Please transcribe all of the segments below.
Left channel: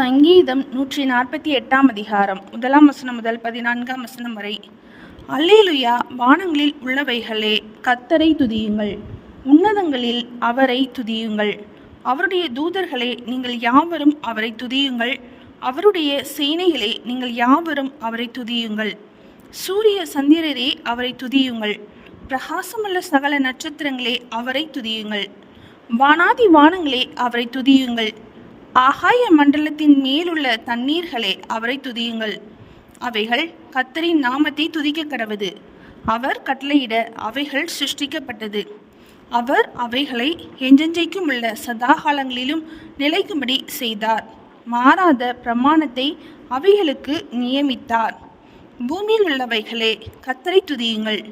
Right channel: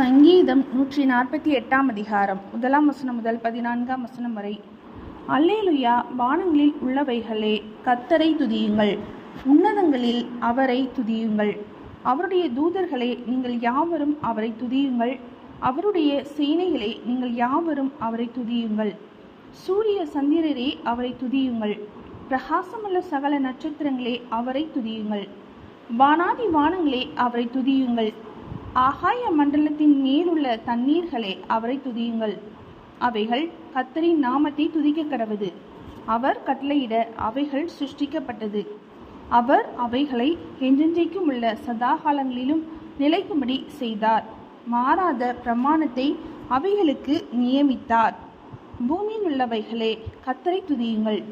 சங்கீதம் 148 அதிகாரம் 1 வசனம் முதல் 14 வசனம் வரை. அல்லேலுயா, வானங்களில் உள்ளவைகளே கர்த்தரை துதியுங்கள், உன்னதங்களில் அவரை துதியுங்கள். அவருடைய தூதர்களே, நீங்கள் யாவரும் அவரை துதியுங்கள், அவருடைய சேனைகளே, நீங்கள் யாவரும் அவரை துதியுங்கள். சூரிய சந்திரரே, அவரை துதியுங்கள், பிரகாசமுள்ள சகல நட்சத்திரங்களே, அவரை துதியுங்கள். வானாதி வானங்களே, அவரை துதியுங்கள், ஆகாய மண்டலத்தின் மேலுள்ள தண்ணீர்களே, அவரை துதியுங்கள். அவைகள் கர்த்தரின் நாமத்தை துதிக்க கடவது. அவர் கட்டளையிட அவைகள் சிருஷ்டிக்கப்பட்டது. அவர் அவைகளை என்றென்றைக்கும் உள்ள சதாகாலங்களிலும் நிலைக்கும்படி செய்தார். மாறாத பிரமாணத்தை அவைகளுக்கு நியமித்தார். பூமியில் உள்ளவைகளே, கர்த்தரை துதியுங்கள்,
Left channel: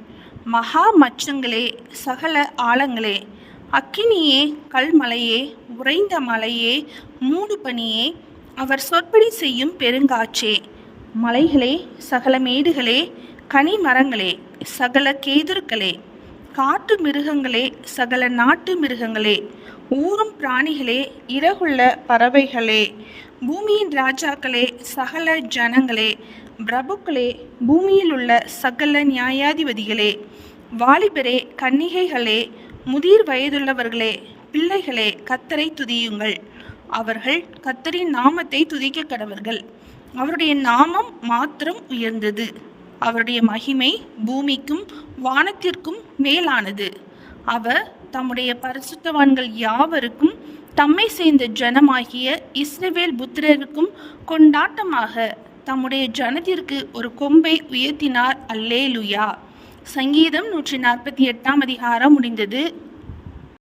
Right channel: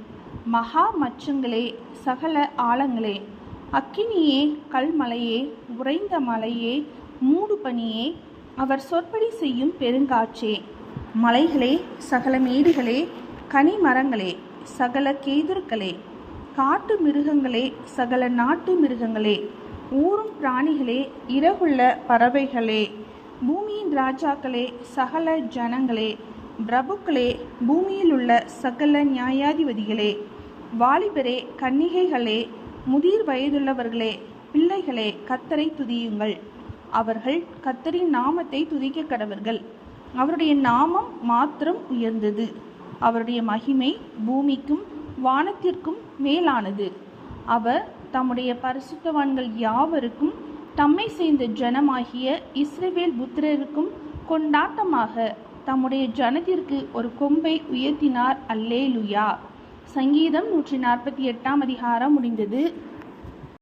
மகா மச்சங்களே, சகல ஆழங்களே, அக்கினியே, கல்மலையே, உறைந்த மலையே, மூடு பனியே, அவர் சொற்படி செய்யும் பெருங்காற்றே, மலைகளே, சகல மேடுகளே, கனி மரங்களே, சகல கேதுருக்களே, காட்டு மிருகங்களே, சகல நாட்டு மிருகங்களே, ஊரும் பிராணிகளே, இறகுள்ள பறவைகளே, பூமியின் ராஜாக்களே, சகல ஜனங்களே, பிரபுக்களே, பூமியில் உள்ள சகல நியாயாதிபதிகளே, வாலிபரே, கன்னிகைகளே, முதிர் வயதுள்ளவர்களே, பிள்ளைகளே, கர்த்தரை துதியுங்கள். அவர்கள் கர்த்தரின் நாமத்தை துதிக்க கடவர்கள். அவருடைய நாமம் மாத்திரம் உயர்ந்தது. அவருடைய மகிமை பூமிக்கும் வானத்திற்கும் மேலானது. அவர் தம்முடைய பரிசுத்தவான்கள் யாவருக்கும் தம்மை சேர்ந்த ஜனமாகிய இஸ்ரவேல் புத்திரருக்கும் கொண்டாட்டமாக தம்முடைய ஜனத்திற்கு ஒரு கொம்பை உயர்த்தினார். அல்லேலுயா. சங்கீதம் 148 அதிகாரம் முடிந்தது.